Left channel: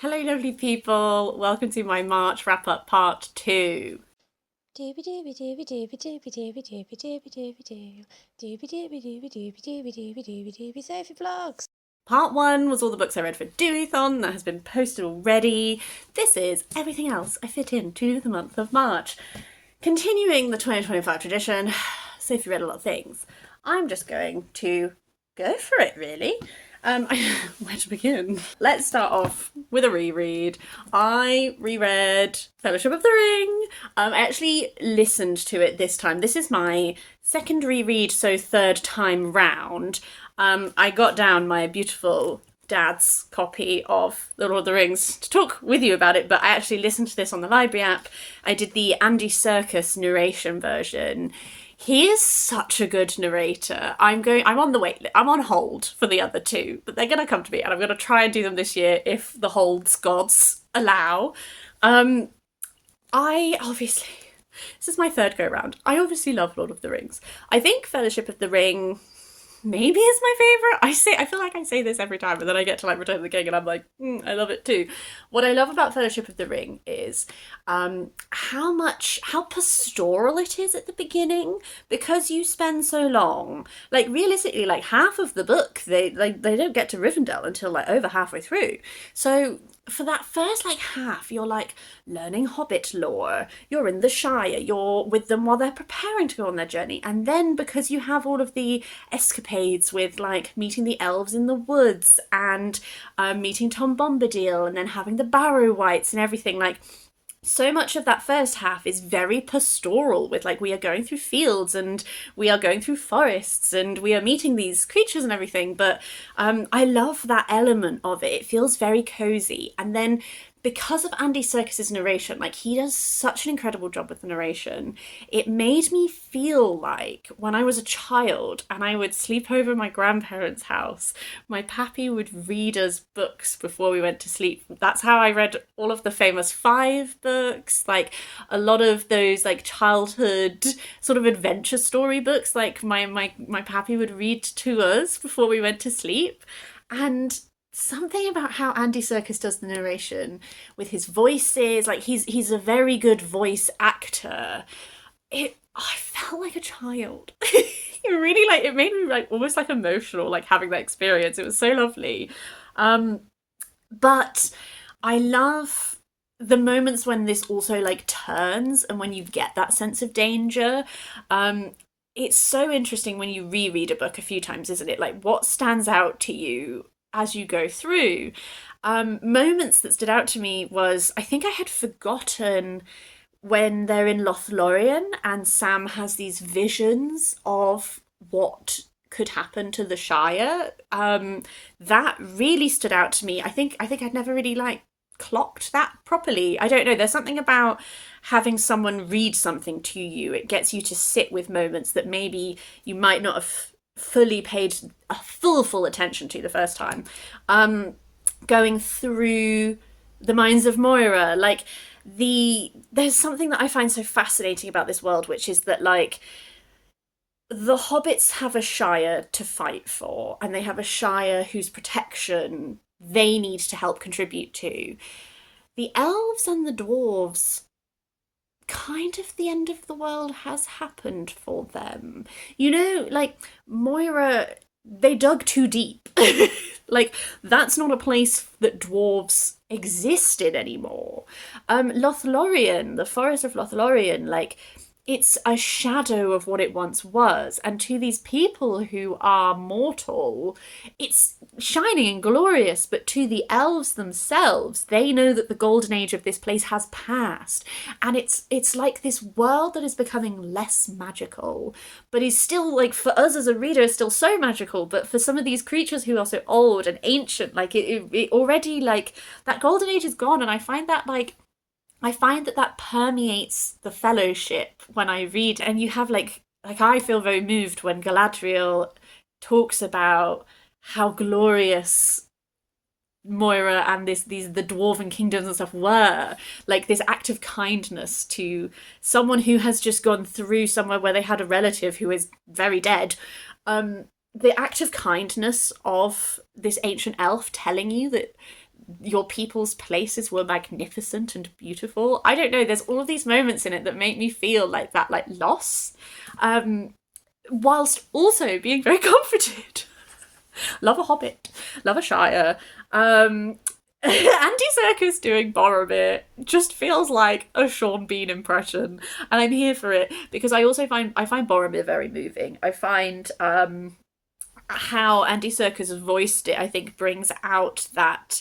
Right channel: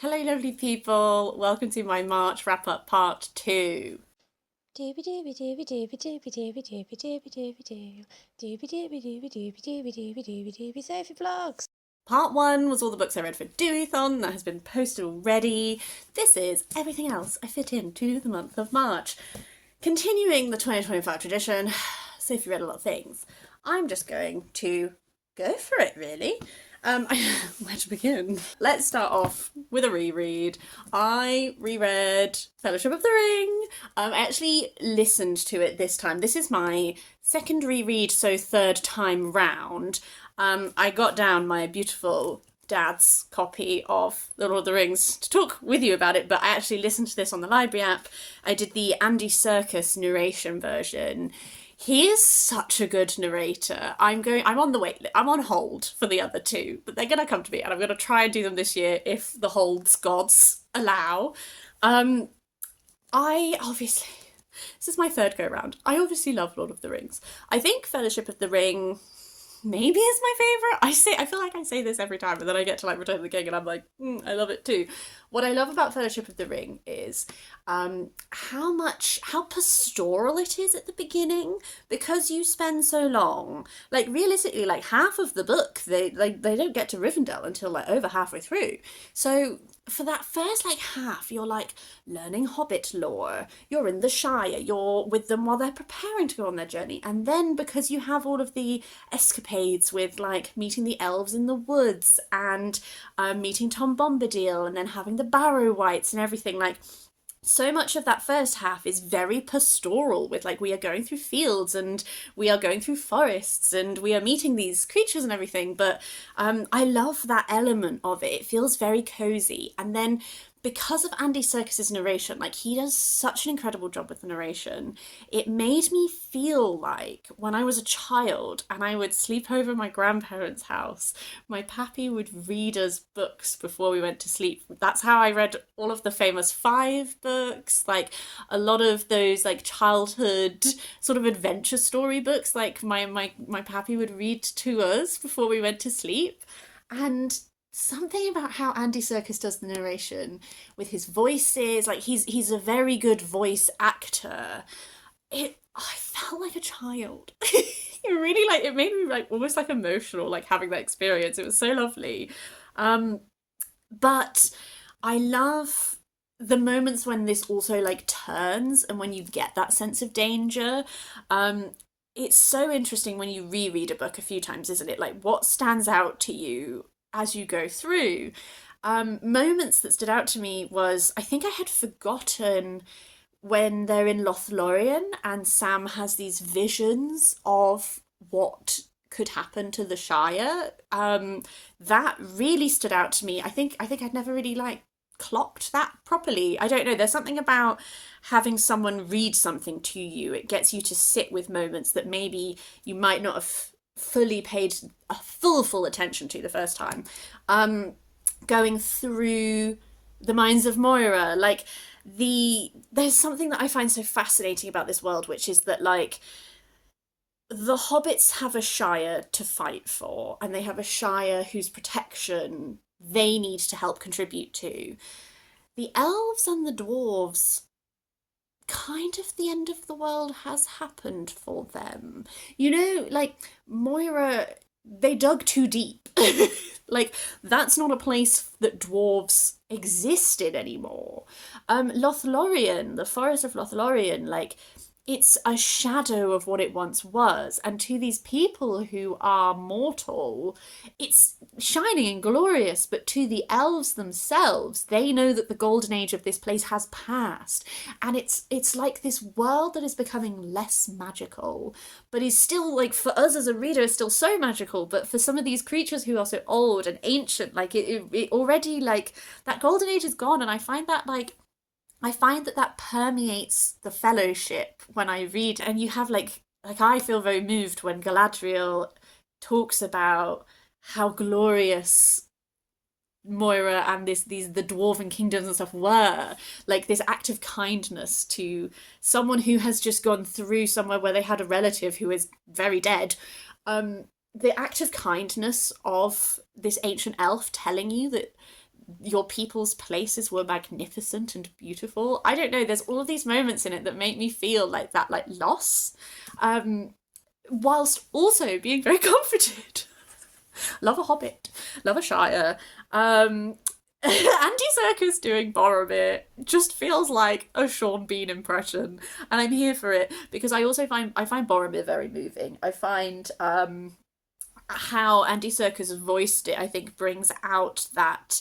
Hello, lovely people. Welcome to my March wrap-up part 2. Doobie doobie doobie doobie doobie doobie doobie doobie doobie doo. Doobie doobie doobie doobie doobie doobie doobie doobie Sophie vlogs. Part 1 was all the books I read for Doothon. That has been posted already. This is everything else I fit into the month of March. Continuing the 2025 tradition, Sophie read a lot of things. I'm just going to go for it, really. Where to begin? Let's start off with a reread. I reread Fellowship of the Ring. I actually listened to it this time. This is my second reread, so third time round. I got down my beautiful dad's copy of The Lord of the Rings to talk with you about it, but I actually listened to this on the library app. I did the Andy Serkis narration version. He is such a good narrator. I'm on the wait. I'm on hold for the other two, but they're gonna come to me, and I'm gonna try and do them this year if the holds gods allow. Um, I obviously this is my third go round. I obviously love Lord of the Rings. I think Fellowship of the Ring maybe is my favorite. I feel like I say this every time, and then I get to like Return of the King, and I'm like, I love it too. What I love about Fellowship of the Ring is how pastoral it is at the beginning, because you spend so long. Like realistically, like half of the book, they don't get to Rivendell until like over halfway through. So for that first like half, you're like learning Hobbit lore, you're in the Shire, you're with them while they're preparing to go on their journey, and then because you have all of the escapades with like meeting the elves in the woods and meeting Tom Bombadil and then having the Barrow Wights and everything, like so much of that first half is very pastoral, with like we are going through fields and we are going through forests and we are meeting these creatures and everything. But I love that element of it. It feels very cozy. And then because of Andy Serkis's narration, like he does such an incredible job with the narration, it made me feel like when I was a child and I would sleep over my grandparents' house, my pappy would read us books before we went to sleep. That's how I read all of the famous five books, like a lot of those like childhood sort of adventure story books, like my pappy would read to us before we went to sleep. And something about how Andy Serkis does the narration with his voices, like he's a very good voice actor. I felt like a child. It really like it made me like almost like emotional, like having that experience. It was so lovely. But I love the moments when this also like turns and when you get that sense of danger. It's so interesting when you reread a book a few times, isn't it? Like what stands out to you as you go through. Moments that stood out to me was I think I had forgotten when they're in Lothlorien and Sam has these visions of what could happen to the Shire. That really stood out to me. I think I'd never really like clocked that properly. I don't know. There's something about having someone read something to you. It gets you to sit with moments that maybe you might not have fully paid a full attention to the first time. Going through the Mines of Moira, like there's something that I find so fascinating about this world, which is that like the hobbits have a shire to fight for, and they have a shire whose protection they need to help contribute to. The elves and the dwarves, kind of the end of the world has happened for them. You know, like Moira, they dug too deep. Like that's not a place that dwarves exist in anymore. Lothlorien, the forest of Lothlorien, like it's a shadow of what it once was, and to these people who are mortal, it's shining and glorious, but to the elves themselves, they know that the golden age of this place has passed, and it's like this world that is becoming less magical, but is still, like, for us as a reader, is still so magical, but for some of these creatures who are so old and ancient, like it already, like, that golden age is gone. And I find that, like, I find that that permeates the fellowship when I read, and you have like I feel very moved when Galadriel talks about how glorious Moira and these the dwarven kingdoms and stuff were, like this act of kindness to someone who has just gone through somewhere where they had a relative who is very dead. The act of kindness of this ancient elf telling you that your people's places were magnificent and beautiful. I don't know, there's all of these moments in it that make me feel like that, like loss, whilst also being very comforted. Love a Hobbit, love a Shire. Andy Serkis doing Boromir just feels like a Sean Bean impression, and I'm here for it because I find Boromir very moving. I find how Andy Serkis voiced it, I think, brings out that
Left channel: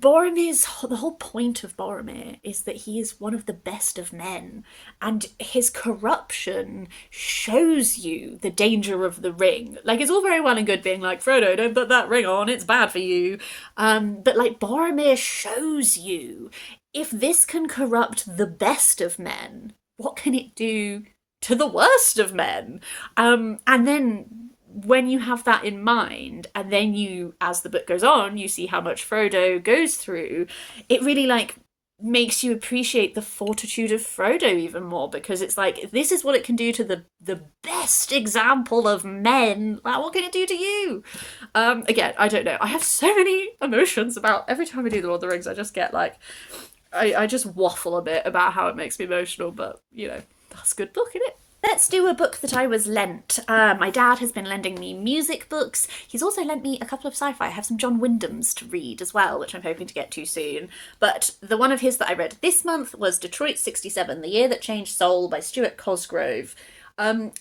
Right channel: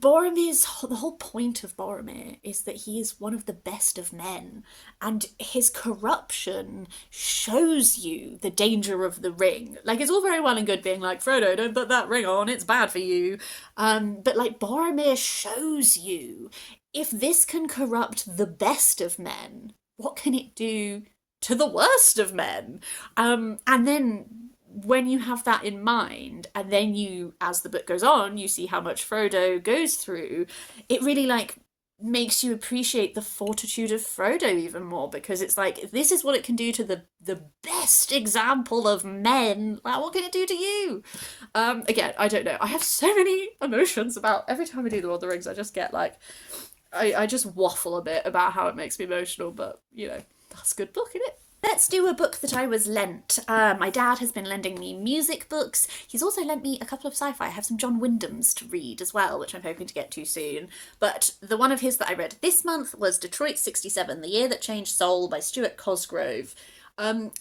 the whole point of Boromir is that he is one of the best of men, and his corruption shows you the danger of the ring. Like, it's all very well and good being like, Frodo, don't put that ring on, it's bad for you. But like, Boromir shows you, if this can corrupt the best of men, what can it do to the worst of men? And then when you have that in mind, and then you, as the book goes on, you see how much Frodo goes through, it really like makes you appreciate the fortitude of Frodo even more, because it's like, this is what it can do to the best example of men. Like, what can it do to you? Again, I don't know. I have so many emotions about every time I do the Lord of the Rings. I just get like, I just waffle a bit about how it makes me emotional, but you know, that's a good book, isn't it? Let's do a book that I was lent. My dad has been lending me music books. He's also lent me a couple of sci-fi. I have some John Wyndham's to read as well, which I'm hoping to get to soon. But the one of his that I read this month was Detroit 67, The Year That Changed Soul by Stuart Cosgrove.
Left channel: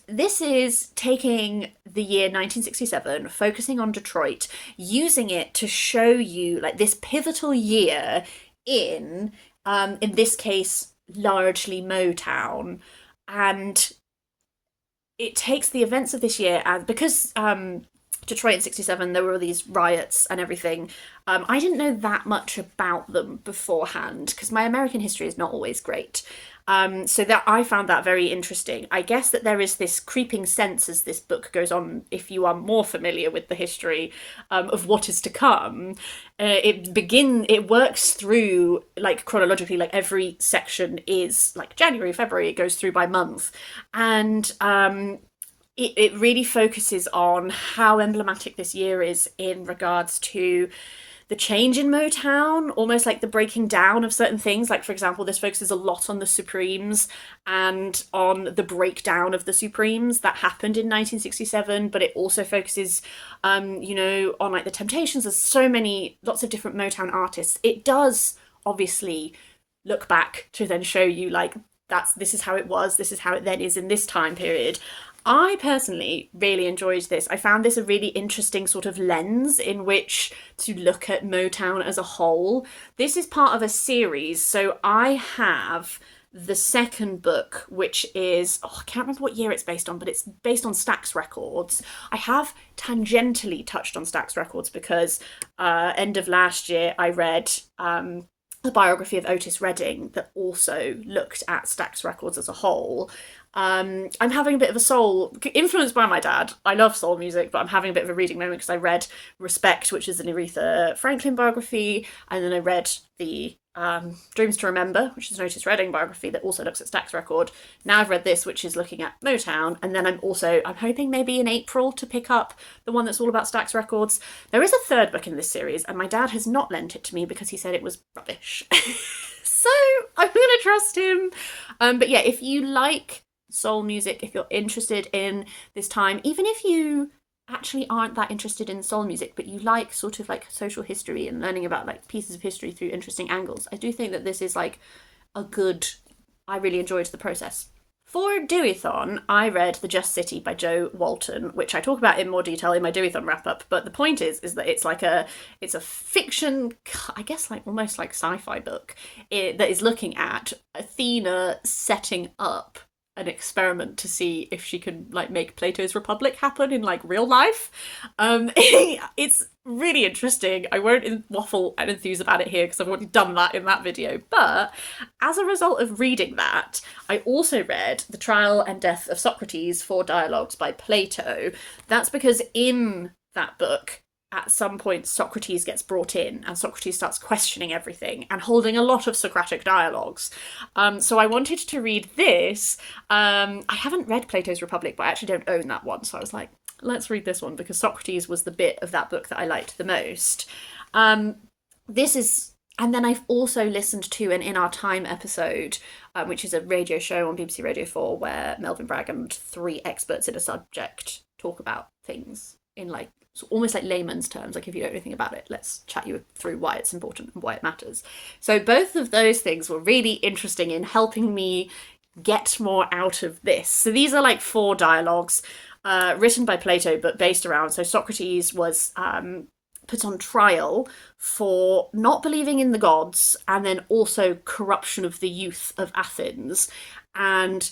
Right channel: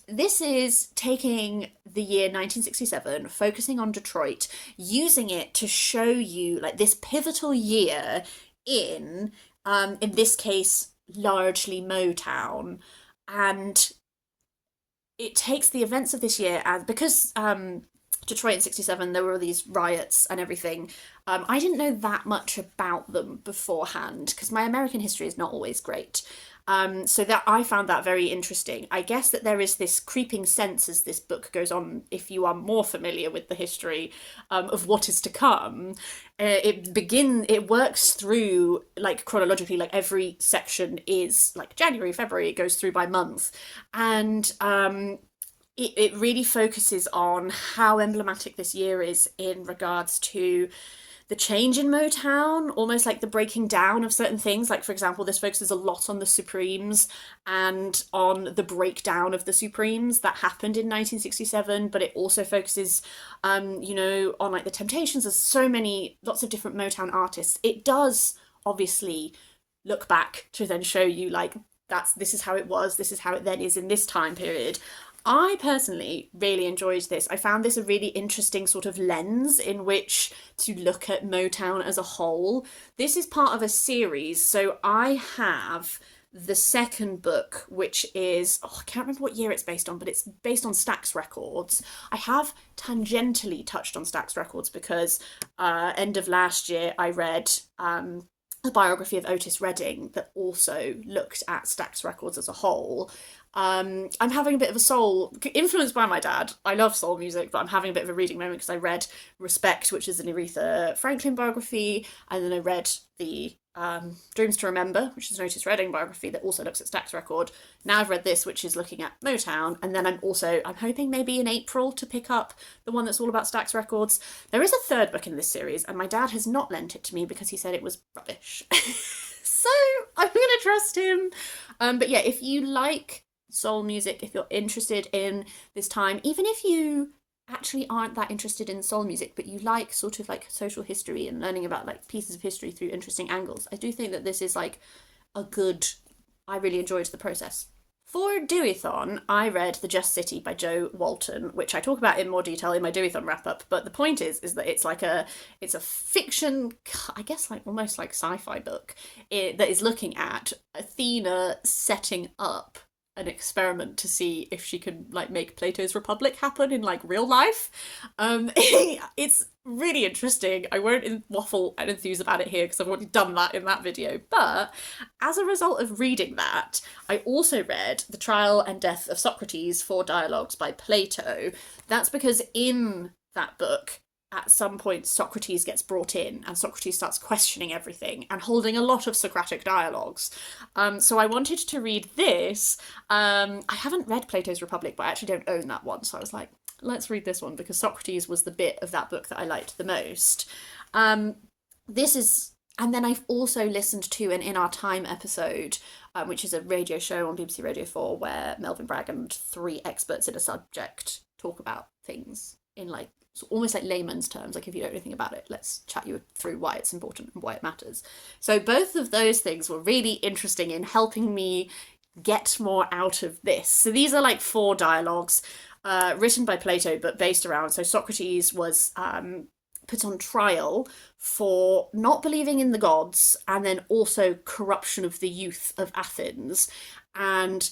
This is taking the year 1967, focusing on Detroit, using it to show you like this pivotal year in this case, largely Motown. And it takes the events of this year, and because Detroit in 67, there were all these riots and everything, I didn't know that much about them beforehand, because my American history is not always great. So that I found that very interesting. I guess that there is this creeping sense as this book goes on, if you are more familiar with the history of what is to come. It works through like chronologically, like every section is like January, February, it goes through by month. And it really focuses on how emblematic this year is in regards to the change in Motown, almost like the breaking down of certain things. Like, for example, this focuses a lot on the Supremes and on the breakdown of the Supremes that happened in 1967, but it also focuses, on like the Temptations. There's lots of different Motown artists. It does obviously look back to then show you like, this is how it was, this is how it then is in this time period. I personally really enjoyed this. I found this a really interesting sort of lens in which to look at Motown as a whole. This is part of a series, so I have the second book, which is, I can't remember what year it's based on, but it's based on Stax Records. I have tangentially touched on Stax Records because end of last year I read a biography of Otis Redding that also looked at Stax Records as a whole. I'm having a bit of a soul, influenced by my dad. I love soul music, but I'm having a bit of a reading moment because I read Respect, which is an Aretha Franklin biography, and then I read the Dreams to Remember, which is an Otis Redding biography that also looks at Stax Record. Now I've read this, which is looking at Motown, and then I'm hoping maybe in April to pick up the one that's all about Stax Records. There is a third book in this series, and my dad has not lent it to me because he said it was rubbish. So I'm going to trust him. But yeah, if you like soul music, if you're interested in this time, even if you actually aren't that interested in soul music, but you like sort of like social history and learning about like pieces of history through interesting angles, I do think that this is like I really enjoyed the process. For Deweython, I read The Just City by Jo Walton, which I talk about in more detail in my Deweython wrap-up, but the point is that it's a fiction, I guess like almost like sci-fi book that is looking at Athena setting up an experiment to see if she can like make Plato's Republic happen in like real life. It's really interesting. I won't waffle and enthuse about it here because I've already done that in that video. But as a result of reading that, I also read The Trial and Death of Socrates, 4 Dialogues by Plato. That's because in that book, at some point, Socrates gets brought in and Socrates starts questioning everything and holding a lot of Socratic dialogues. So I wanted to read this. I haven't read Plato's Republic, but I actually don't own that one. So I was like, let's read this one, because Socrates was the bit of that book that I liked the most. This is, and then I've also listened to an In Our Time episode, which is a radio show on BBC Radio 4 where Melvin Bragg and 3 experts in a subject talk about things in like almost like layman's terms. Like, if you don't know anything about it, let's chat you through why it's important and why it matters. So both of those things were really interesting in helping me get more out of this. So these are like 4 dialogues written by Plato, but based around, so Socrates was put on trial for not believing in the gods, and then also corruption of the youth of Athens. And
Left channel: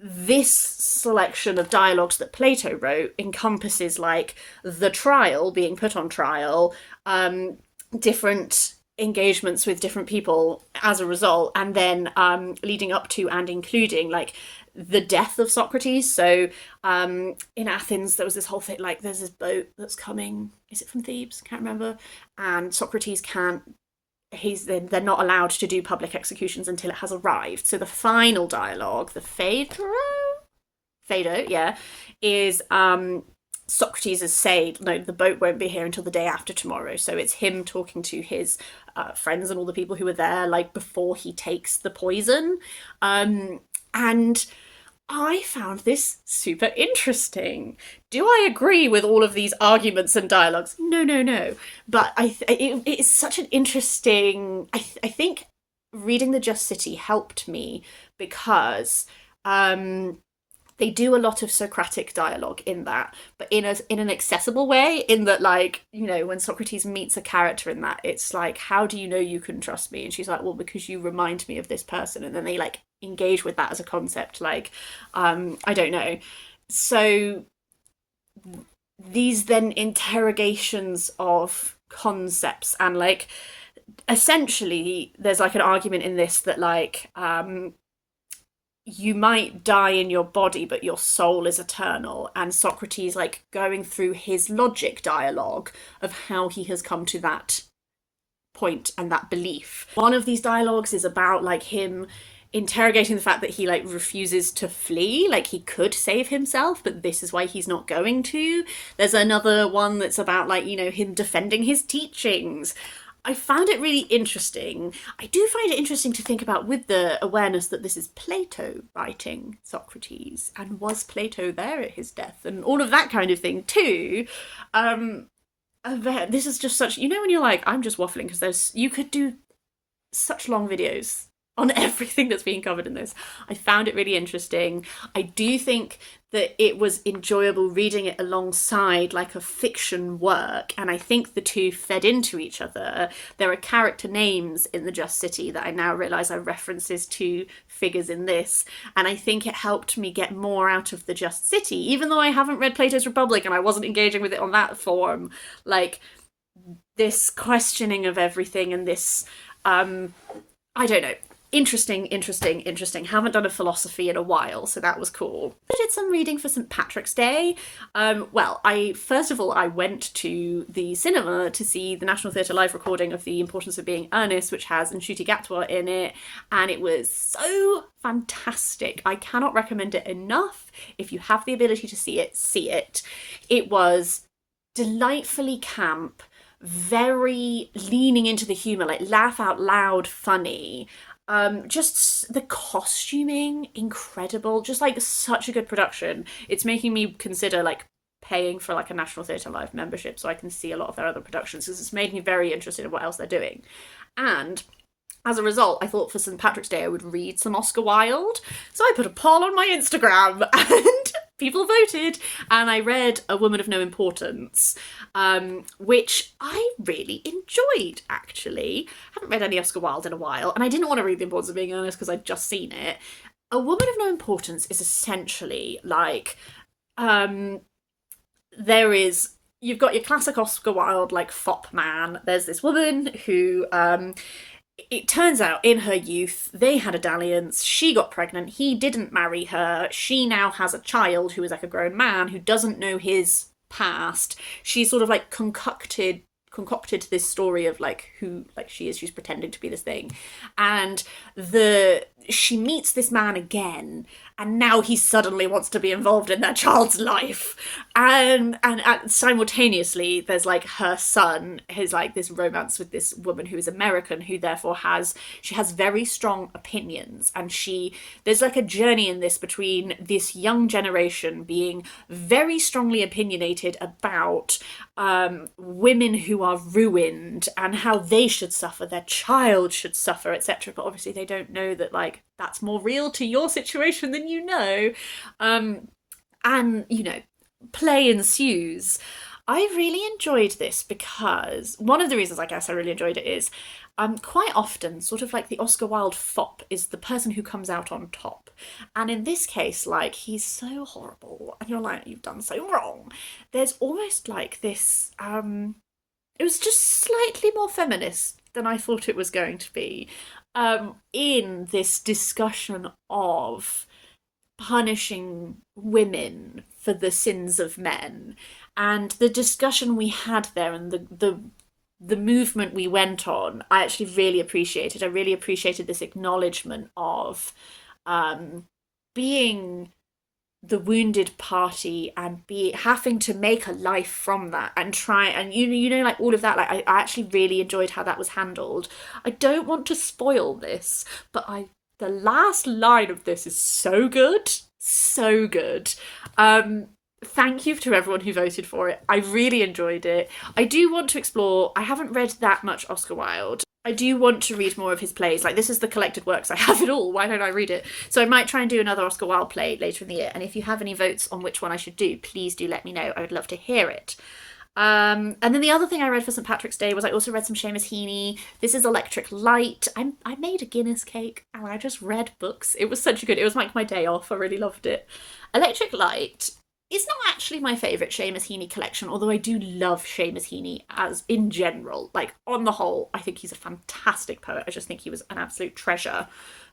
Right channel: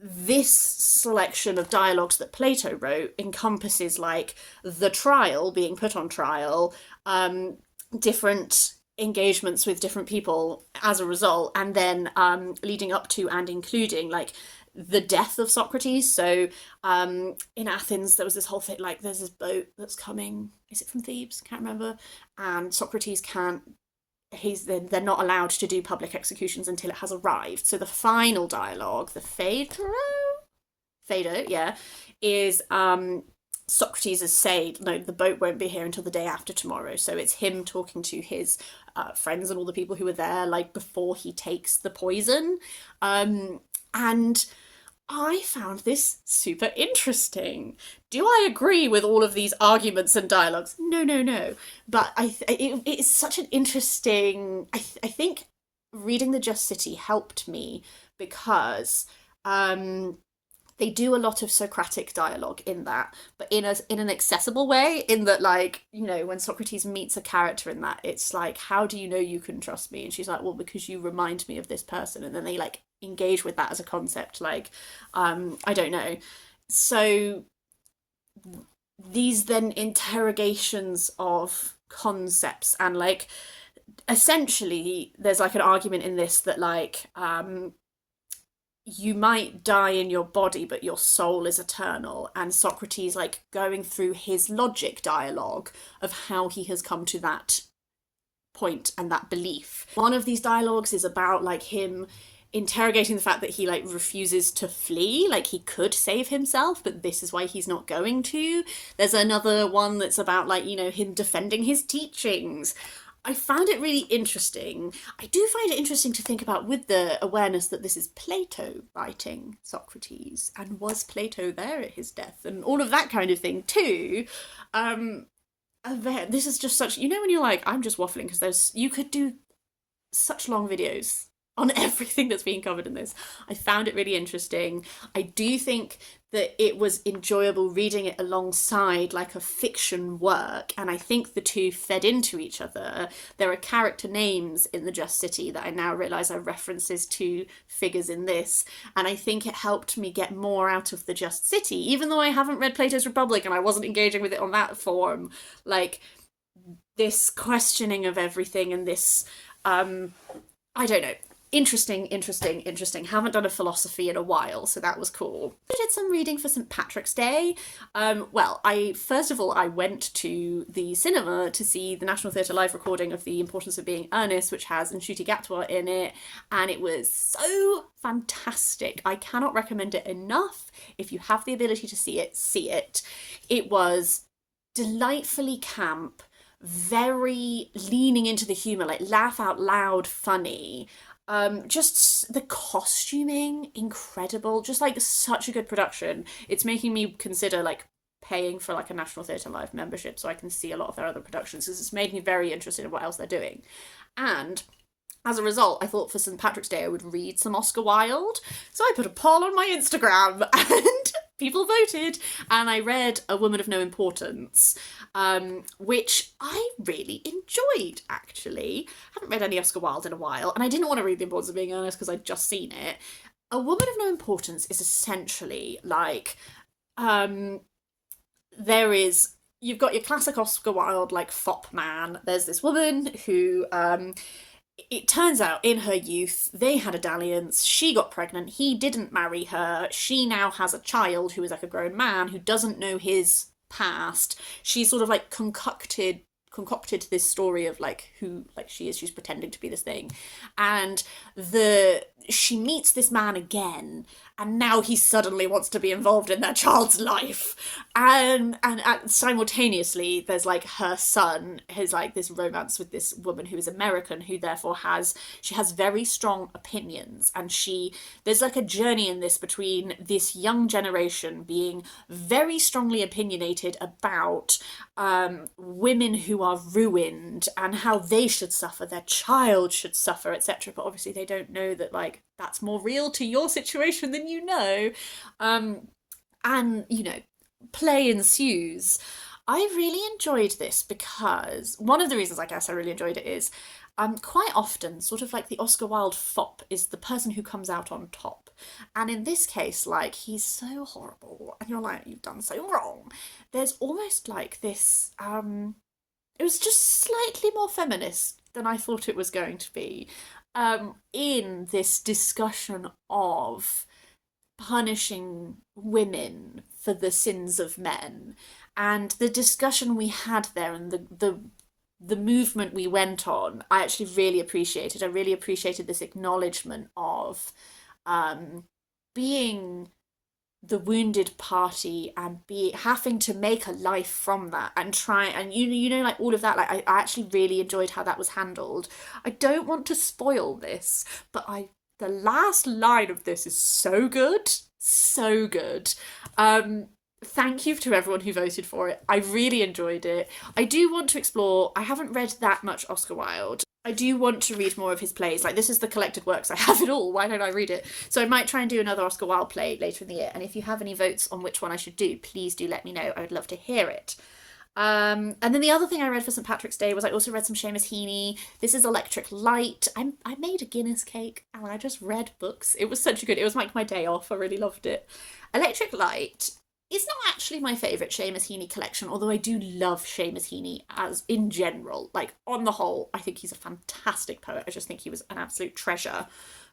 this selection of dialogues that Plato wrote encompasses like the trial, being put on trial, different engagements with different people as a result, and then leading up to and including like the death of Socrates. So in Athens there was this whole thing, like there's this boat that's coming, is it from Thebes, can't remember, and Socrates can't, they're not allowed to do public executions until it has arrived. So the final dialogue, the Phaedo, yeah, is Socrates is saying, no, the boat won't be here until the day after tomorrow. So it's him talking to his friends and all the people who were there, like before he takes the poison. And I found this super interesting. Do I agree with all of these arguments and dialogues? No. But it's such an interesting... I think reading The Just City helped me because they do a lot of Socratic dialogue in that, but in an accessible way, in that, like, you know, when Socrates meets a character in that, it's like, how do you know you can trust me? And she's like, well, because you remind me of this person. And then they like engage with that as a concept, like I don't know. So these then interrogations of concepts, and like essentially there's like an argument in this that like you might die in your body but your soul is eternal, and Socrates like going through his logic dialogue of how he has come to that point and that belief. One of these dialogues is about like him interrogating the fact that he like refuses to flee, like he could save himself but this is why he's not going to. There's another one that's about like, you know, him defending his teachings. I found it really interesting. I do find it interesting to think about, with the awareness that this is Plato writing Socrates, and was Plato there at his death, and all of that kind of thing too. This is just such, you know, when you're like, I'm just waffling, because you could do such long videos on everything that's being covered in this. I found it really interesting. I do think that it was enjoyable reading it alongside like a fiction work, and I think the two fed into each other. There are character names in The Just City that I now realise are references to figures in this, and I think it helped me get more out of The Just City, even though I haven't read Plato's Republic and I wasn't engaging with it on that form. Like, this questioning of everything and this I don't know, interesting. Haven't done a philosophy in a while, so that was cool. I did some reading for St. Patrick's Day. Well, I went to the cinema to see the National Theatre live recording of The Importance of Being Earnest, which has Nshuti Gatwa in it, and it was so fantastic. I cannot recommend it enough. If you have the ability to see it, see it. It was delightfully camp, very leaning into the humour, like laugh out loud funny. Just the costuming, incredible. Just like such a good production. It's making me consider like paying for like a National Theatre Live membership so I can see a lot of their other productions, because it's made me very interested in what else they're doing. And as a result, I thought for St. Patrick's Day I would read some Oscar Wilde. So I put a poll on my Instagram and people voted, and I read A Woman of No Importance, which I really enjoyed, actually. I haven't read any Oscar Wilde in a while, and I didn't want to read The Importance of Being Earnest because I'd just seen it. A Woman of No Importance is essentially like, you've got your classic Oscar Wilde, like, fop man. There's this woman who, it turns out in her youth, they had a dalliance, she got pregnant, he didn't marry her, she now has a child who is like a grown man who doesn't know his past. She sort of like concocted this story of like who like she is. She's pretending to be this thing, and she meets this man again, and now he suddenly wants to be involved in their child's life. And simultaneously, there's like her son, his like this romance with this woman who is American, who therefore has very strong opinions, and there's like a journey in this between this young generation being very strongly opinionated about women who are ruined and how they should suffer, their child should suffer, etc. But obviously they don't know that like that's more real to your situation than you know. And play ensues. I really enjoyed this because one of the reasons I guess I really enjoyed it is quite often sort of like the Oscar Wilde fop is the person who comes out on top. And in this case, like, he's so horrible and you're like, you've done so wrong. There's almost like this it was just slightly more feminist than I thought it was going to be, in this discussion of punishing women for the sins of men, and the discussion we had there, and the movement we went on. I actually really appreciated. I really appreciated this acknowledgement of being the wounded party and having to make a life from that and try and like all of that. Like I actually really enjoyed how that was handled. I don't want to spoil this, but the last line of this is so good, so good. Thank you to everyone who voted for it. I really enjoyed it. I do want to explore. I haven't read that much Oscar Wilde. I do want to read more of his plays. Like, this is the collected works. I have it all. Why don't I read it? So I might try and do another Oscar Wilde play later in the year. And if you have any votes on which one I should do, please do let me know. I would love to hear it. And then the other thing I read for St. Patrick's Day was I also read some Seamus Heaney. This is Electric Light. I made a Guinness cake and I just read books. It was such a good... It was like my day off. I really loved it. Electric Light is not actually my favourite Seamus Heaney collection, although I do love Seamus Heaney as in general. Like, on the whole, I think he's a fantastic poet. I just think he was an absolute treasure.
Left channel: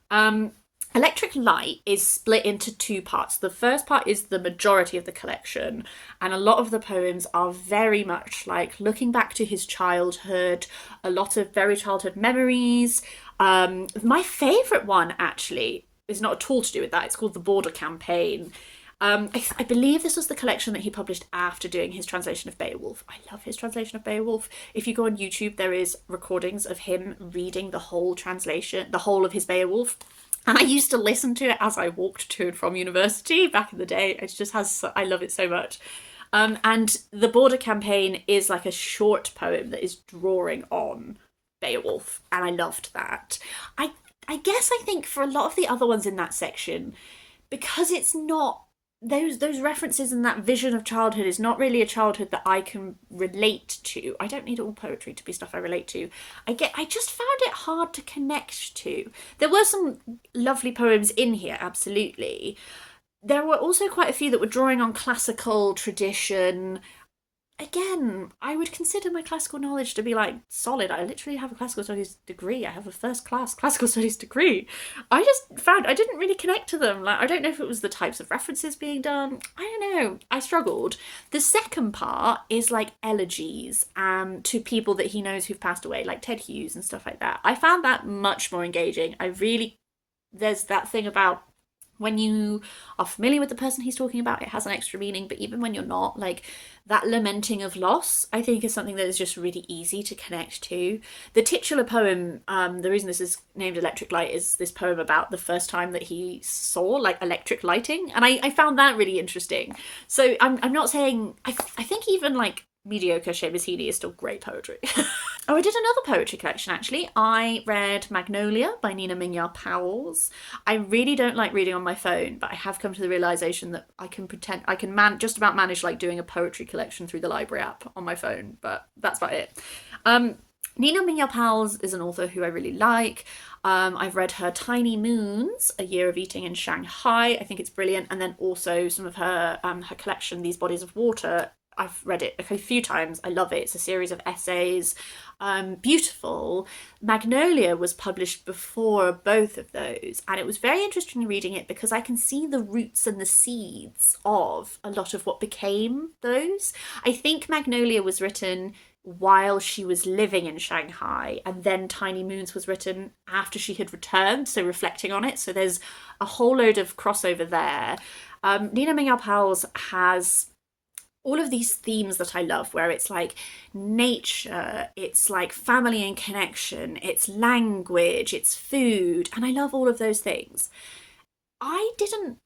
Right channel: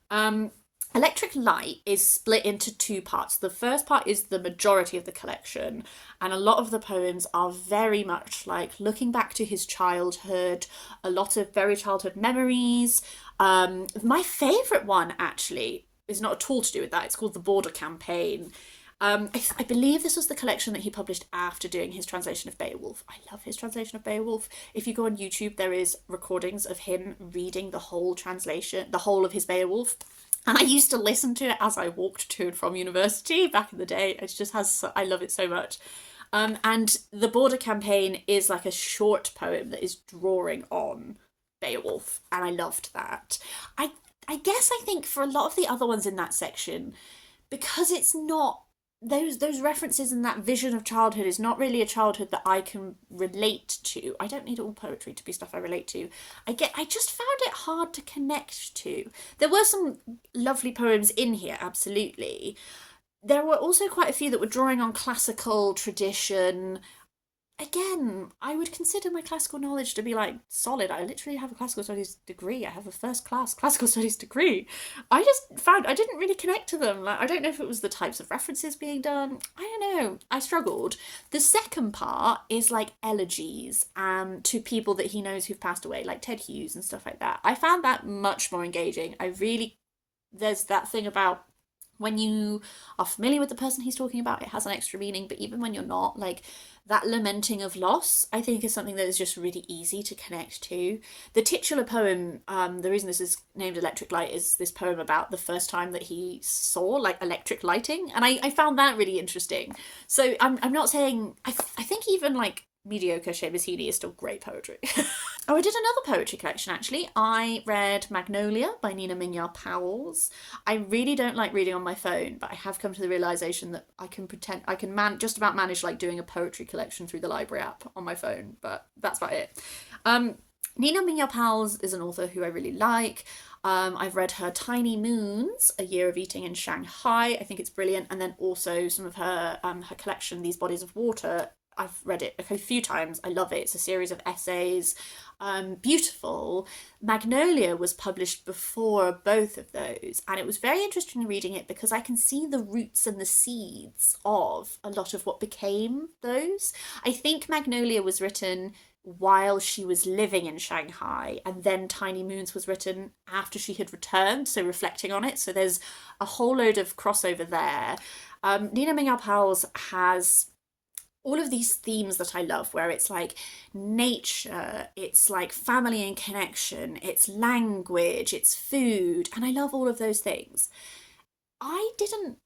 Electric Light is split into two parts. The first part is the majority of the collection, and a lot of the poems are very much like looking back to his childhood, a lot of very childhood memories. My favourite one, actually, is not at all to do with that. It's called The Border Campaign. I believe this was the collection that he published after doing his translation of Beowulf. I love his translation of Beowulf. If you go on YouTube, there is recordings of him reading the whole translation, the whole of his Beowulf. And I used to listen to it as I walked to and from university back in the day. It just I love it so much. And The Border Campaign is like a short poem that is drawing on Beowulf. And I loved that. I guess I think for a lot of the other ones in that section, because it's not those references and that vision of childhood is not really a childhood that I can relate to. I don't need all poetry to be stuff I relate to. I just found it hard to connect to. There were some lovely poems in here, absolutely. There were also quite a few that were drawing on classical tradition. Again, I would consider my classical knowledge to be like solid. I literally have a classical studies degree. I have a first class classical studies degree. I just found I didn't really connect to them. Like, I don't know if it was the types of references being done. I don't know. I struggled. The second part is like elegies to people that he knows who've passed away, like Ted Hughes and stuff like that. I found that much more engaging. There's that thing about when you are familiar with the person he's talking about, it has an extra meaning, but even when you're not, like, that lamenting of loss, I think, is something that is just really easy to connect to. The titular poem, the reason this is named Electric Light, is this poem about the first time that he saw, like, electric lighting, and I found that really interesting. So I'm not saying... I think even, like, mediocre Seamus Heaney is still great poetry. Oh, I did another poetry collection, actually. I read Magnolia by Nina Mingya Powles. I really don't like reading on my phone, but I have come to the realisation that I can just about manage like doing a poetry collection through the library app on my phone, but that's about it. Nina Mingya Powles is an author who I really like. I've read her Tiny Moons, A Year of Eating in Shanghai. I think it's brilliant. And then also some of her collection, These Bodies of Water. I've read it a few times. I love it. It's a series of essays. Beautiful. Magnolia was published before both of those, and it was very interesting reading it because I can see the roots and the seeds of a lot of what became those. I think Magnolia was written while she was living in Shanghai, and then Tiny Moons was written after she had returned, so reflecting on it. So there's a whole load of crossover there. Nina Mingya Powles has all of these themes that I love, where it's like nature, it's like family and connection, it's language, it's food, and I love all of those things. I didn't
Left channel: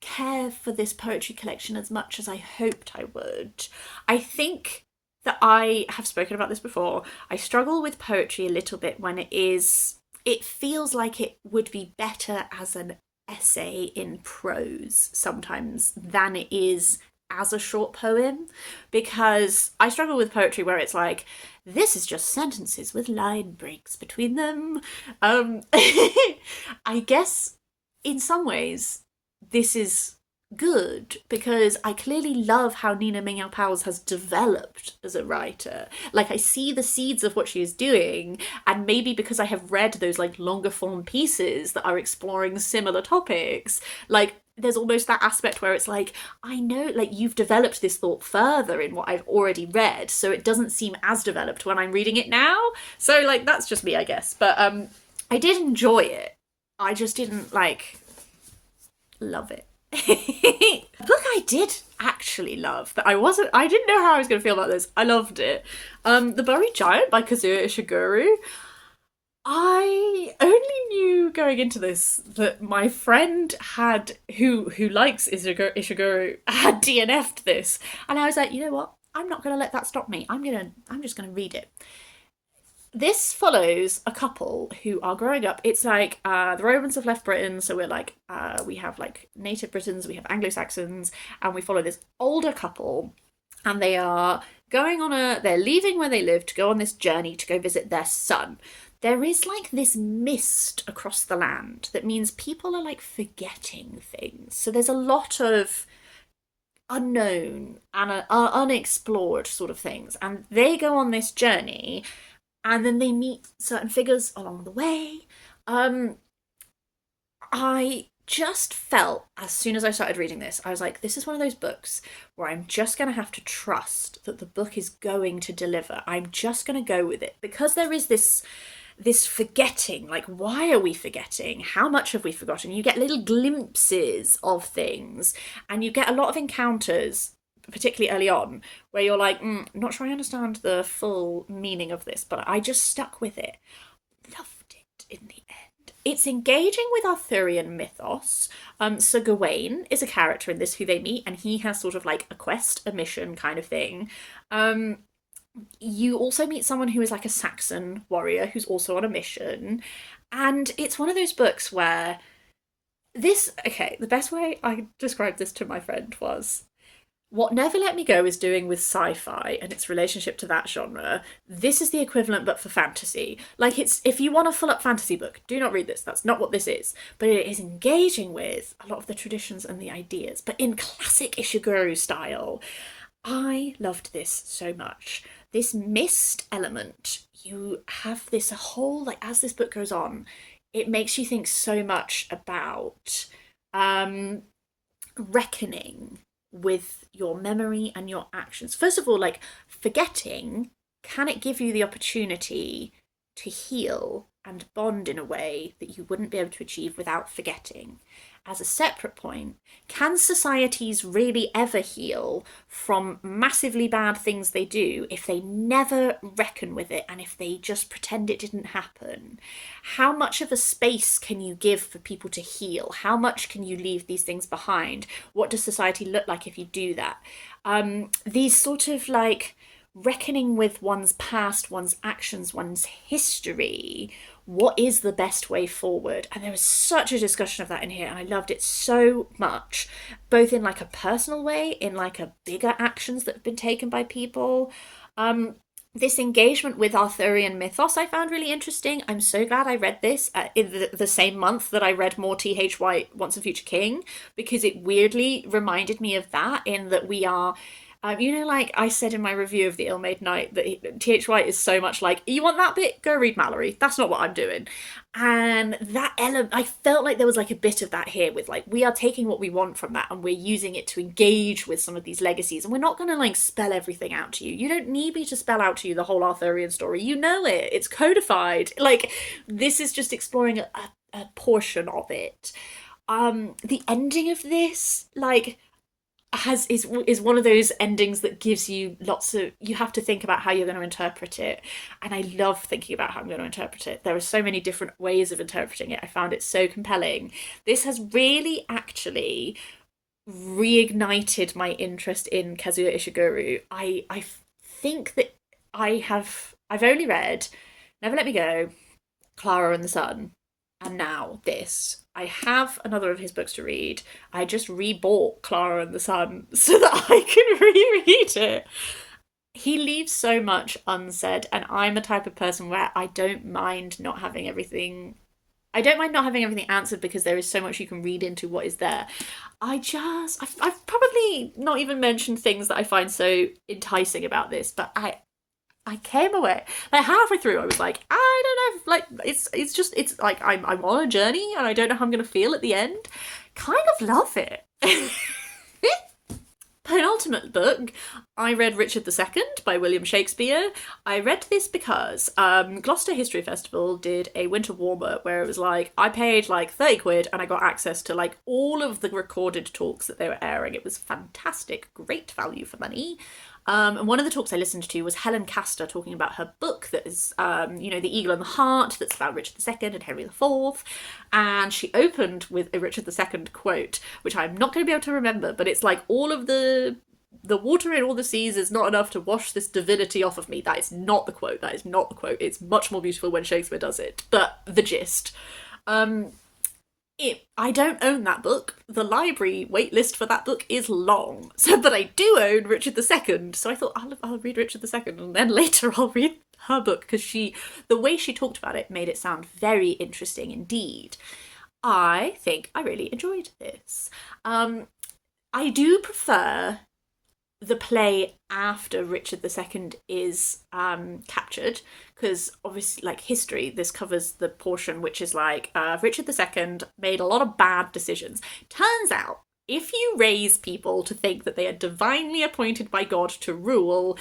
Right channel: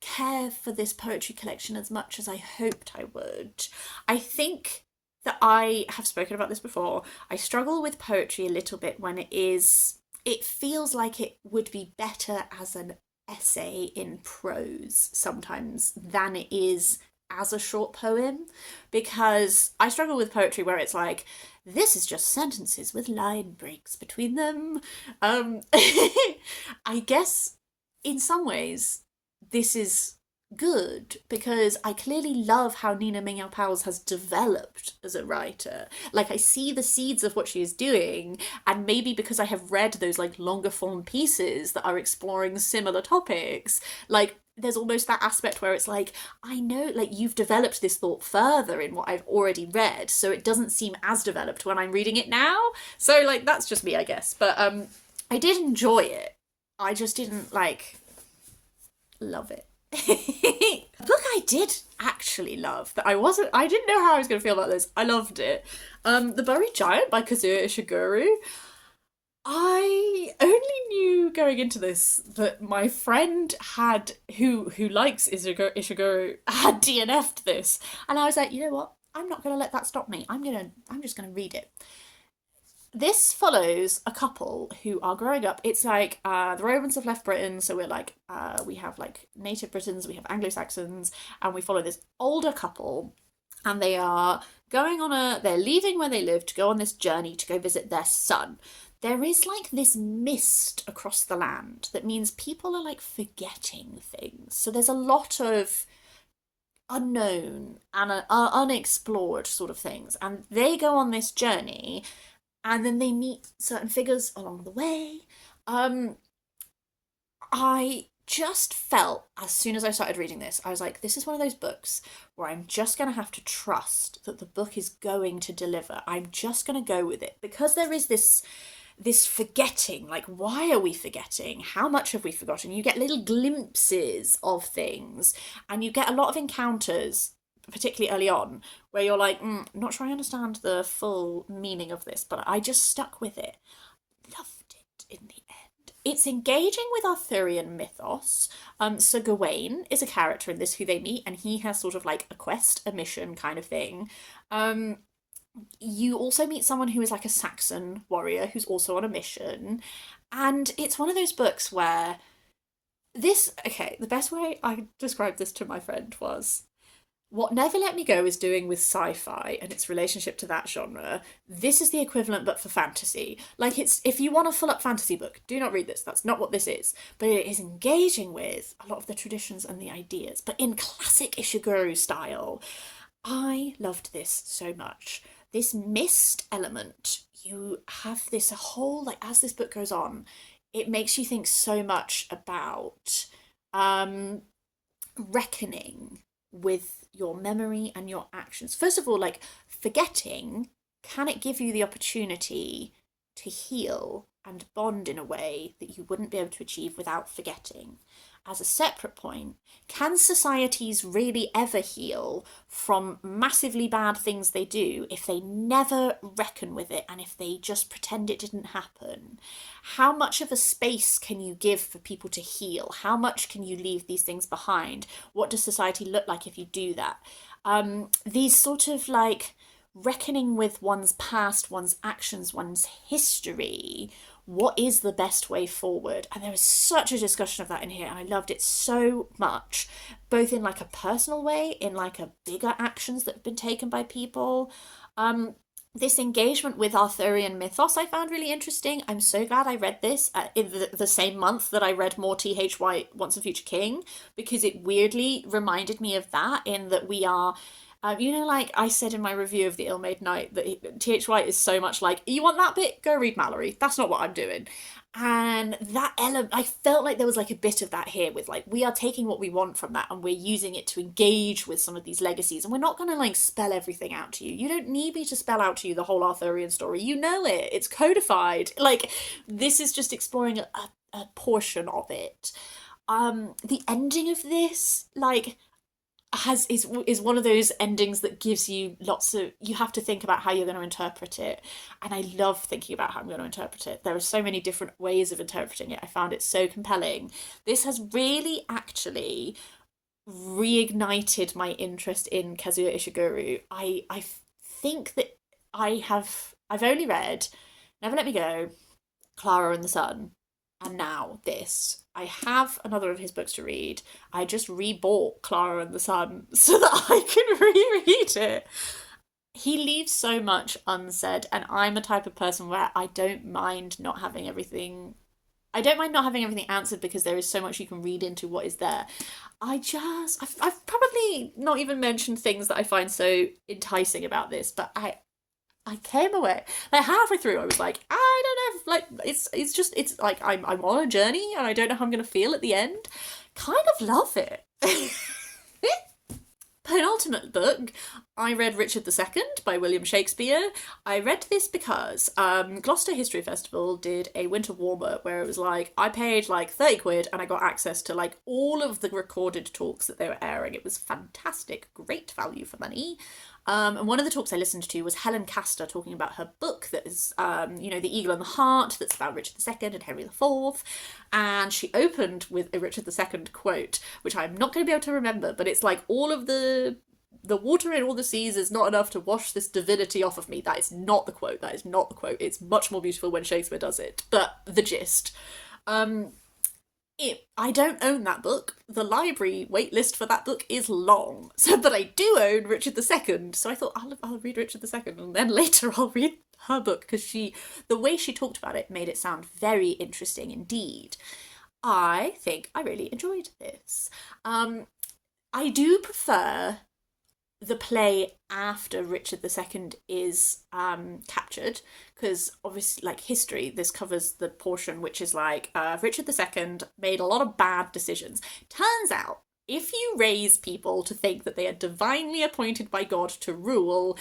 care for this poetry collection as much as I hoped I would. I think that I have spoken about this before. I struggle with poetry a little bit when it feels like it would be better as an essay in prose sometimes than it is as a short poem, because I struggle with poetry where it's like, this is just sentences with line breaks between them. I guess in some ways this is good, because I clearly love how Nina Mingya Powles has developed as a writer. Like, I see the seeds of what she is doing, and maybe because I have read those like longer form pieces that are exploring similar topics, like there's almost that aspect where it's like, I know, like, you've developed this thought further in what I've already read, so it doesn't seem as developed when I'm reading it now. So like, that's just me, I guess. But I did enjoy it. I just didn't like love it. A book I did actually love, that I didn't know how I was going to feel about this. I loved it. The Buried Giant by Kazuo Ishiguro. I only knew going into this that my friend who likes Ishiguro had DNF'd this, and I was like, you know what? I'm not going to let that stop me. I'm just going to read it. This follows a couple who are growing up. It's like the Romans have left Britain, so we're like we have like native Britons, we have Anglo-Saxons, and we follow this older couple, and they are they're leaving where they live to go on this journey to go visit their son. There is like this mist across the land that means people are like forgetting things. So there's a lot of unknown and unexplored sort of things, and they go on this journey. And then they meet certain figures along the way. I just felt, as soon as I started reading this, I was like, this is one of those books where I'm just going to have to trust that the book is going to deliver. I'm just going to go with it. Because there is this forgetting, like, why are we forgetting? How much have we forgotten? You get little glimpses of things, and you get a lot of encounters, particularly early on, where you're like, not sure I understand the full meaning of this, but I just stuck with it. Loved it in the end. It's engaging with Arthurian mythos. Sir Gawain is a character in this who they meet, and he has sort of like a quest, a mission kind of thing. You also meet someone who is like a Saxon warrior who's also on a mission. And it's one of those books where the best way I described this to my friend was, what Never Let Me Go is doing with sci-fi and its relationship to that genre, this is the equivalent but for fantasy. Like, it's, if you want a full-up fantasy book, do not read this. That's not what this is. But it is engaging with a lot of the traditions and the ideas, but in classic Ishiguro style. I loved this so much. This mist element, you have this whole, like, as this book goes on, it makes you think so much about reckoning with your memory and your actions. First of all, like, forgetting, can it give you the opportunity to heal and bond in a way that you wouldn't be able to achieve without forgetting? As a separate point, can societies really ever heal from massively bad things they do if they never reckon with it and if they just pretend it didn't happen? How much of a space can you give for people to heal? How much can you leave these things behind? What does society look like if you do that? These sort of like reckoning with one's past, one's actions, one's history. What is the best way forward? And there was such a discussion of that in here, and I loved it so much, both in like a personal way, in like a bigger actions that have been taken by people. This engagement with Arthurian mythos I found really interesting. I'm so glad I read this in the same month that I read more T.H. White, Once a Future King, because it weirdly reminded me of that, in that we are Like I said in my review of The Ill-Made Knight, that T.H. White is so much like, you want that bit? Go read Mallory. That's not what I'm doing. And that element, I felt like there was like a bit of that here with like, we are taking what we want from that and we're using it to engage with some of these legacies. And we're not going to like spell everything out to you. You don't need me to spell out to you the whole Arthurian story. You know it. It's codified. Like, this is just exploring a portion of it. The ending of this, like, is one of those endings that gives you lots of, you have to think about how you're going to interpret it, and I love thinking about how I'm going to interpret it. There are so many different ways of interpreting it. I found it so compelling. This has really actually reignited my interest in Kazuo Ishiguro. I think that I've only read Never Let Me Go, Clara and the Sun, and now this. I have another of his books to read. I just rebought Clara and the Sun so that I can reread it. He leaves so much unsaid, and I'm a type of person where I don't mind not having everything. I don't mind not having everything answered because there is so much you can read into what is there. I've probably not even mentioned things that I find so enticing about this, but I came away like halfway through. I was like, I don't know, like it's like I'm on a journey and I don't know how I'm gonna feel at the end. Kind of love it. Penultimate book, I read Richard II by William Shakespeare. I read this because Gloucester History Festival did a winter warmer where it was like, I paid like 30 quid and I got access to like all of the recorded talks that they were airing. It was fantastic, great value for money. And one of the talks I listened to was Helen Castor talking about her book that is, The Eagle and the Heart, that's about Richard II and Henry IV. And she opened with a Richard II quote, which I'm not going to be able to remember, but it's like, all of the water in all the seas is not enough to wash this divinity off of me. That is not the quote. That is not the quote. It's much more beautiful when Shakespeare does it. But the gist. I don't own that book. The library waitlist for that book is long. But I do own Richard II. So I thought, I'll read Richard II and then later I'll read her book, because the way she talked about it made it sound very interesting indeed. I think I really enjoyed this. I do prefer the play after Richard II is captured, because obviously, like, history, this covers the portion which is like, Richard II made a lot of bad decisions. Turns out, if you raise people to think that they are divinely appointed by God to rule,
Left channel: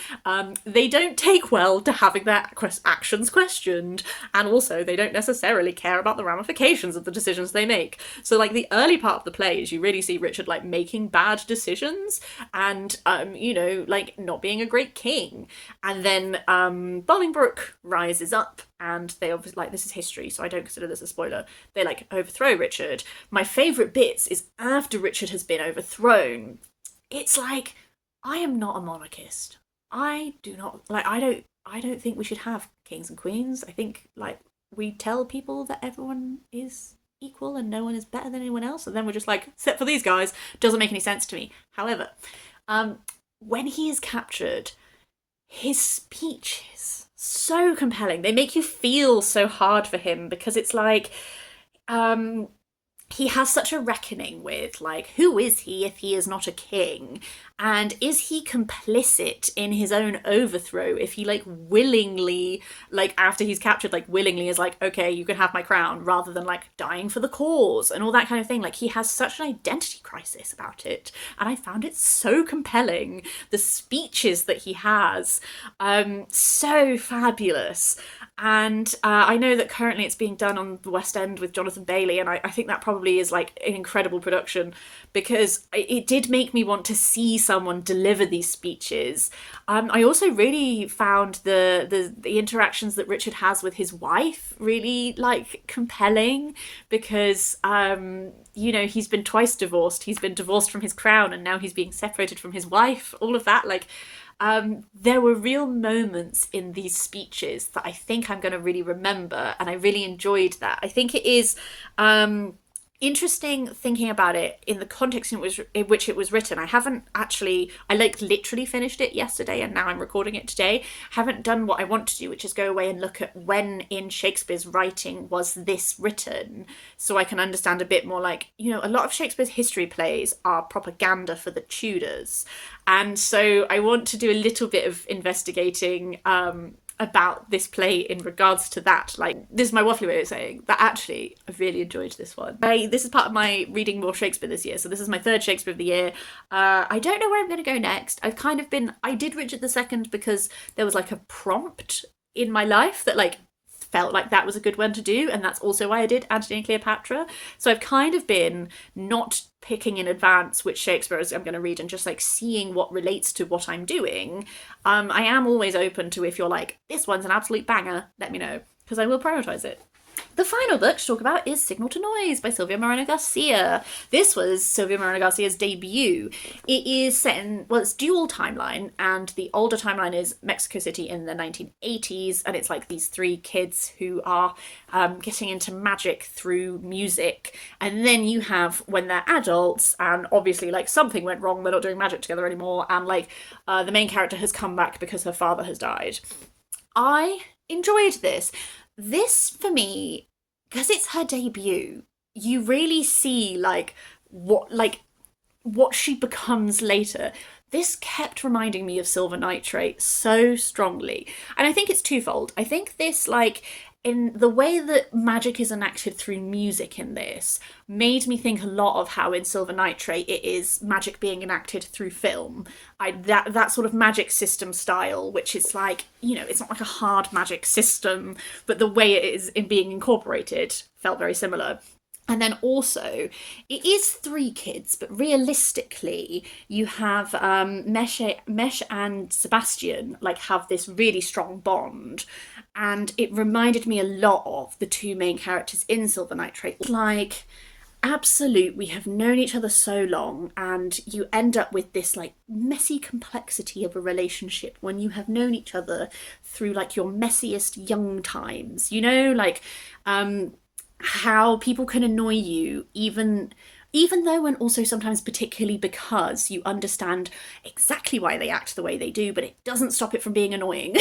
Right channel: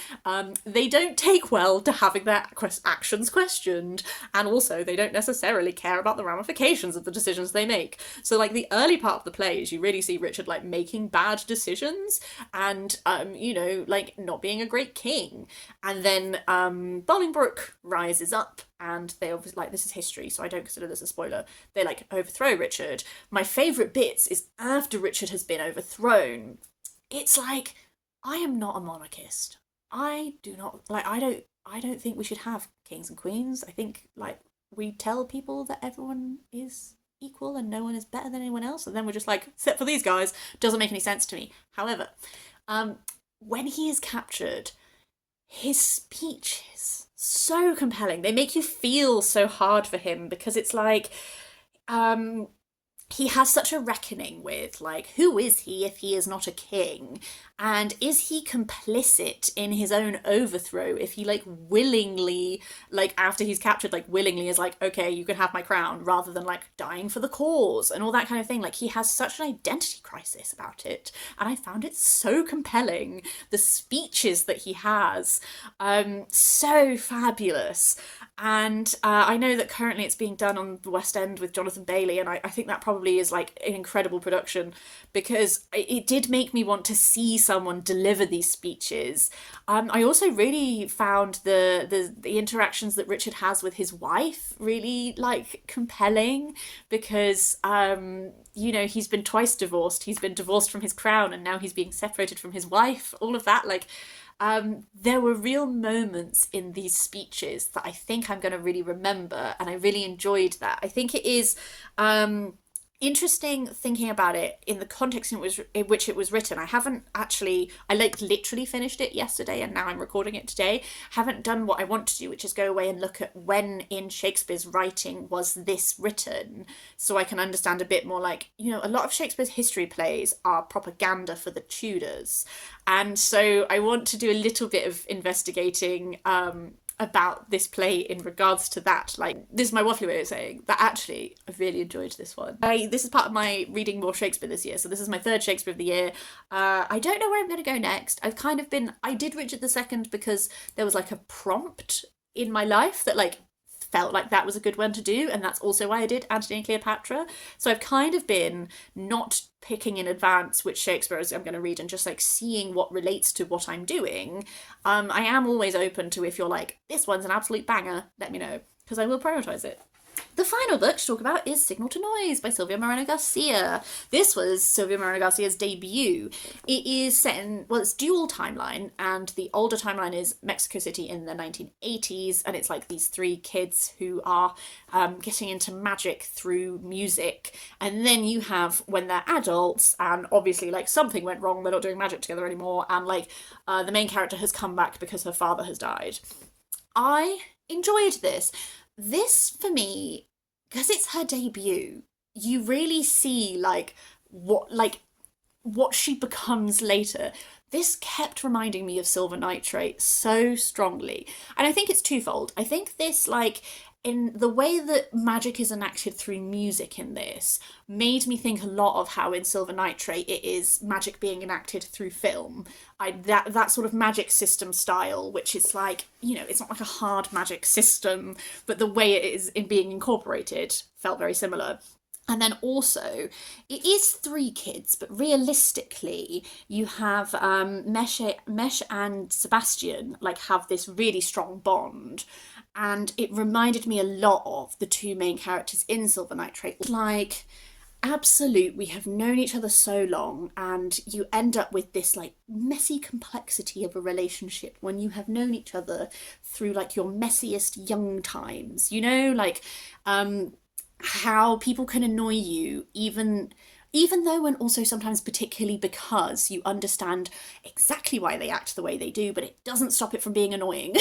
they don't take well to having their actions questioned, and also they don't necessarily care about the ramifications of the decisions they make. So, like, the early part of the play is you really see Richard, like, making bad decisions and, like, not being a great king. And then Bolingbroke rises up, and they obviously, like, this is history, so I don't consider this a spoiler. They, like, overthrow Richard. My favourite bits is after Richard has been overthrown. It's like, I am not a monarchist. I do not, like, I don't think we should have kings and queens. I think, like, we tell people that everyone is equal and no one is better than anyone else, and then we're just like, except for these guys. Doesn't make any sense to me. However, when he is captured, his speeches so compelling. They make you feel so hard for him, because it's like, he has such a reckoning with, like, who is he if he is not a king? And is he complicit in his own overthrow if he, like, willingly, like, after he's captured, like, willingly is like, okay, you can have my crown, rather than, like, dying for the cause and all that kind of thing. Like, he has such an identity crisis about it. And I found it so compelling. The speeches that he has, so fabulous. And I know that currently it's being done on the West End with Jonathan Bailey, and I think that probably is, like, an incredible production, because it did make me want to see someone deliver these speeches. I also really found the interactions that Richard has with his wife really, like, compelling, because he's been twice divorced. He's been divorced from his crown, and now he's being separated from his wife. All of that, like, there were real moments in these speeches that I think I'm going to really remember, and I really enjoyed that. I think it is interesting thinking about it in the context in which it was written. I like literally finished it yesterday and now I'm recording it today. Haven't done what I want to do, which is go away and look at when in Shakespeare's writing was this written, so I can understand a bit more. Like, a lot of Shakespeare's history plays are propaganda for the Tudors, and so I want to do a little bit of investigating about this play in regards to that. Like, this is my waffly way of saying that actually I really enjoyed this one. This is part of my reading more Shakespeare this year, so this is my third Shakespeare of the year. I don't know where I'm going to go next. I did Richard II because there was like a prompt in my life that like felt like that was a good one to do, and that's also why I did Antony and Cleopatra. So I've kind of been not picking in advance which Shakespeare I'm going to read and just like seeing what relates to what I'm doing. I am always open to, if you're like, this one's an absolute banger, let me know, because I will prioritise it. The final book to talk about is Signal to Noise by Silvia Moreno-Garcia. This was Silvia Moreno-Garcia's debut. It is set in, it's dual timeline, and the older timeline is Mexico City in the 1980s, and it's like these three kids who are getting into magic through music. And then you have when they're adults, and obviously like something went wrong, they're not doing magic together anymore, and like the main character has come back because her father has died. I enjoyed this. This, for me, because it's her debut, you really see what she becomes later. This kept reminding me of Silver Nitrate so strongly. And I think it's twofold. I think this, like, in the way that magic is enacted through music in this, made me think a lot of how in Silver Nitrate it is magic being enacted through film. That sort of magic system style, which is like, it's not like a hard magic system, but the way it is in being incorporated felt very similar. And then also, it is three kids, but realistically, you have Mesh and Sebastian like have this really strong bond, and it reminded me a lot of the two main characters in Silver Nitrate. Like, absolute, we have known each other so long, and you end up with this like messy complexity of a relationship when you have known each other through like your messiest young times. Like how people can annoy you even though, and also sometimes particularly because you understand exactly why they act the way they do, but it doesn't stop it from being annoying.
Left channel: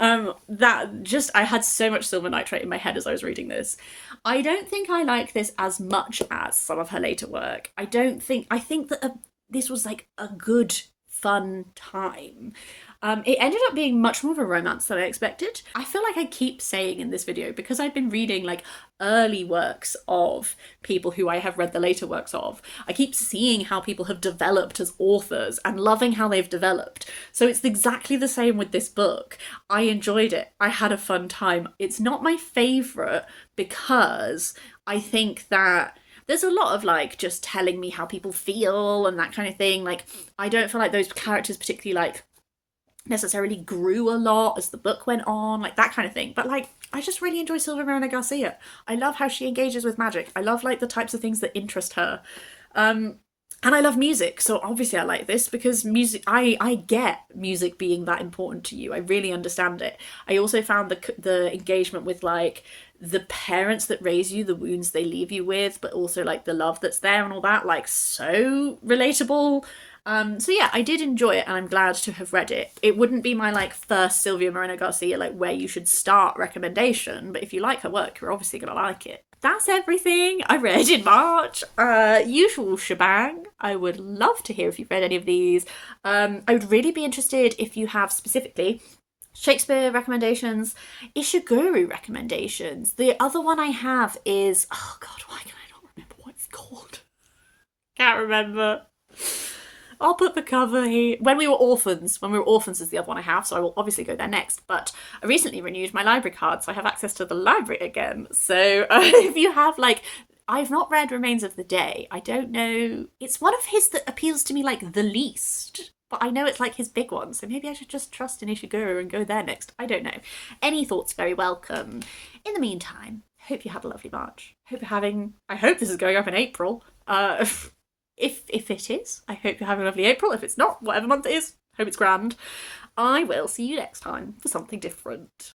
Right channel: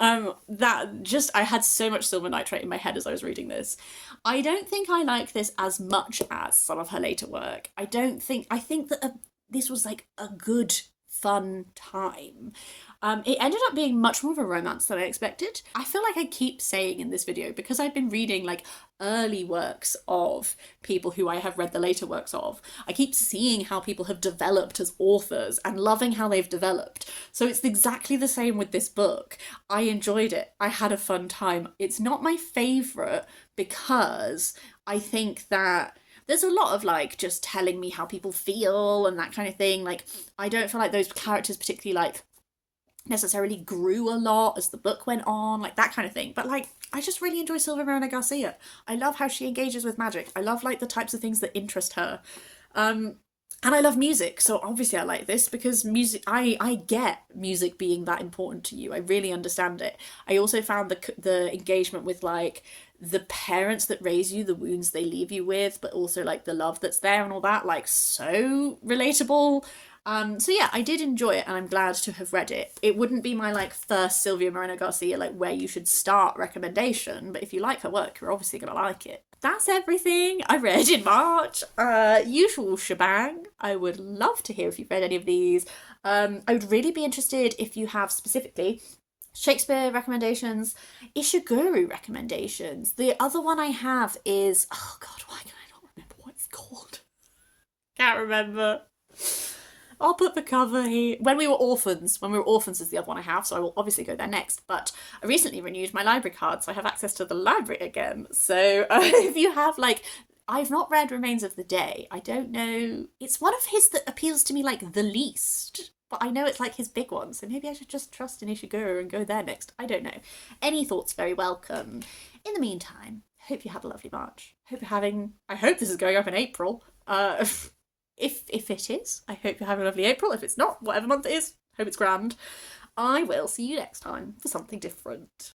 I had so much Silver Nitrate in my head as I was reading this. I don't think I like this as much as some of her later work. I think that this was like a good, fun time. It ended up being much more of a romance than I expected. I feel like I keep saying in this video, because I've been reading like early works of people who I have read the later works of, I keep seeing how people have developed as authors and loving how they've developed. So it's exactly the same with this book. I enjoyed it. I had a fun time. It's not my favourite because I think that there's a lot of like just telling me how people feel and that kind of thing. Like, I don't feel like those characters particularly like necessarily grew a lot as the book went on, like that kind of thing. But like, I just really enjoy Silvia Moreno-Garcia. I love how she engages with magic. I love like the types of things that interest her. And I love music, so obviously I like this because music, I get music being that important to you. I really understand it. I also found the engagement with like the parents that raise you, the wounds they leave you with, but also like the love that's there and all that, like so relatable. So yeah, I did enjoy it and I'm glad to have read it. It wouldn't be my like first Silvia Moreno-Garcia like where you should start recommendation, but if you like her work, you're obviously gonna like it. That's everything I read in March. Usual shebang. I would love to hear if you've read any of these. I would really be interested if you have specifically Shakespeare recommendations, Ishiguro recommendations. The other one I have is, oh god, why can I not remember what it's called? Can't remember. I'll put the cover here. When We Were Orphans is the other one I have, so I will obviously go there next. But I recently renewed my library card, so I have access to the library again. So if you have like, I've not read Remains of the Day. I don't know. It's one of his that appeals to me like the least. But I know it's like his big one, so maybe I should just trust in Ishiguro and go there next. I don't know. Any thoughts very welcome. In the meantime, hope you had a lovely March. I hope this is going up in April. If it is, I hope you're having a lovely April. If it's not, whatever month it is, hope it's grand. I will see you next time for something different.